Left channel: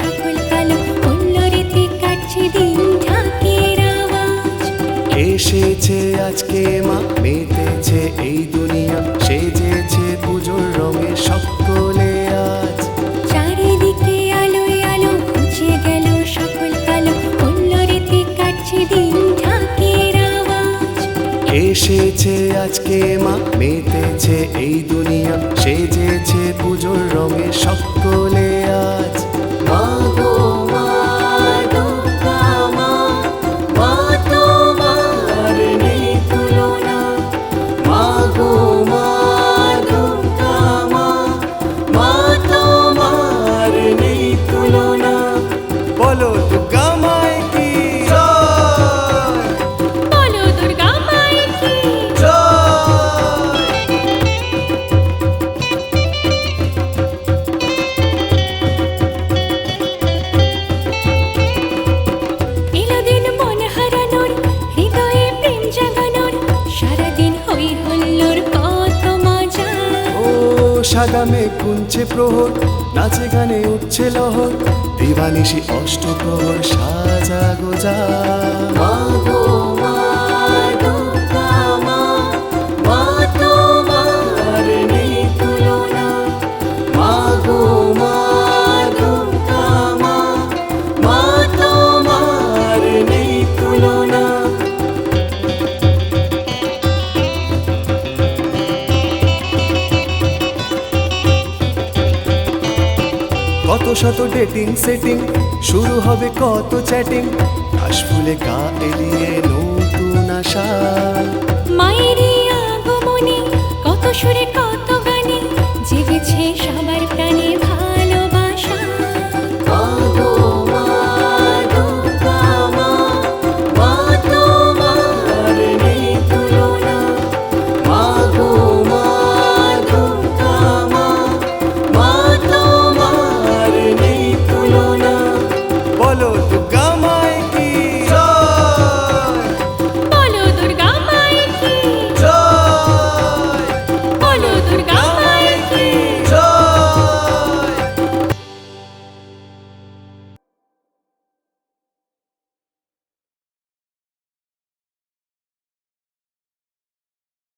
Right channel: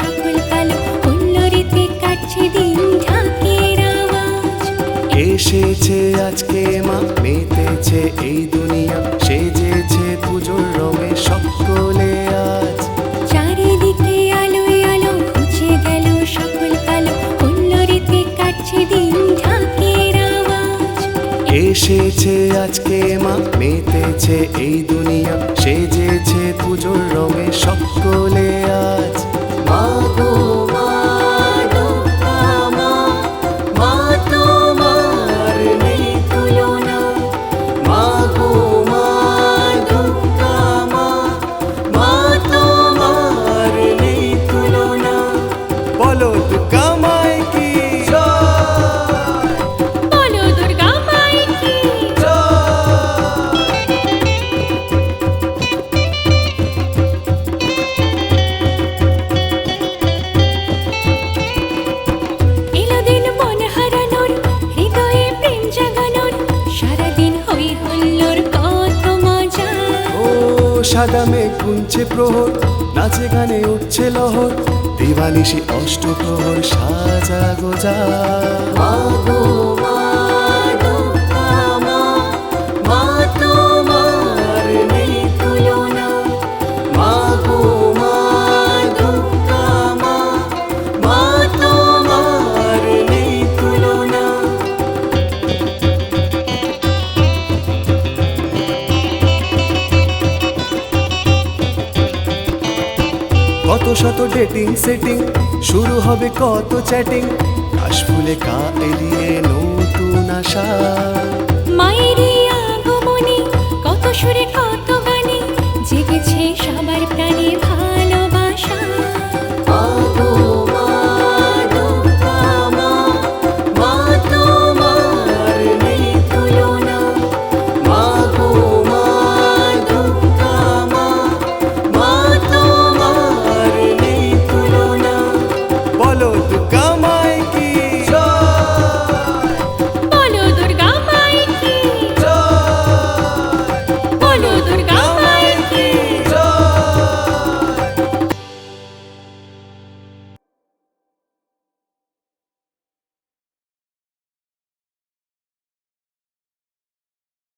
সকল কালো, হুল্লোড়েতে কাটছে দিন ঢাকের আওয়াজ। এসেছে আজকে মা, মেতেছে এই দুনিয়া, সেজেছে পুজোর রঙে সকলে আজ। চারিদিকে আলোয় আলো, ঘুচে গেল সকল কালো, হুল্লোড়েতে কাটছে দিন ঢাকের আওয়াজ। এসেছে আজকে মা, মেতেছে এই দুনিয়া, সেজেছে পুজোর রঙে সকলে আজ। মা গো মা, দুর্গা মা, মা তোমার নেই তুলনা। মা গো মা, দুর্গা মা, মা তোমার নেই তুলনা। বলো দুর্গা মায় কি, বলো দুর্গা মায়ের কি। এলো দিন মন হারানোর, হৃদয়ে প্রেম জাগানোর, সারাদিন হই হুল্লোড় কত মজা। ও সাদা মেঘ গুনছে প্রহর, নাচে গানে উঠছে লহর, দিবানিশি অষ্টপ্রহর সাজা গোজা। মা গো মা, দুর্গা মা, মা তোমার নেই তুলনা। মা গো মা, দুর্গা মা, মা তোমার নেই তুলনা। কত শত ডেটিং সেটিং, শুরু হবে কত চ্যাটিং, কাশফুলে কা এলিয়ে নতুন আশা। মায়ের আগমনে কত সুরে কত গানে, জেগেছে সবার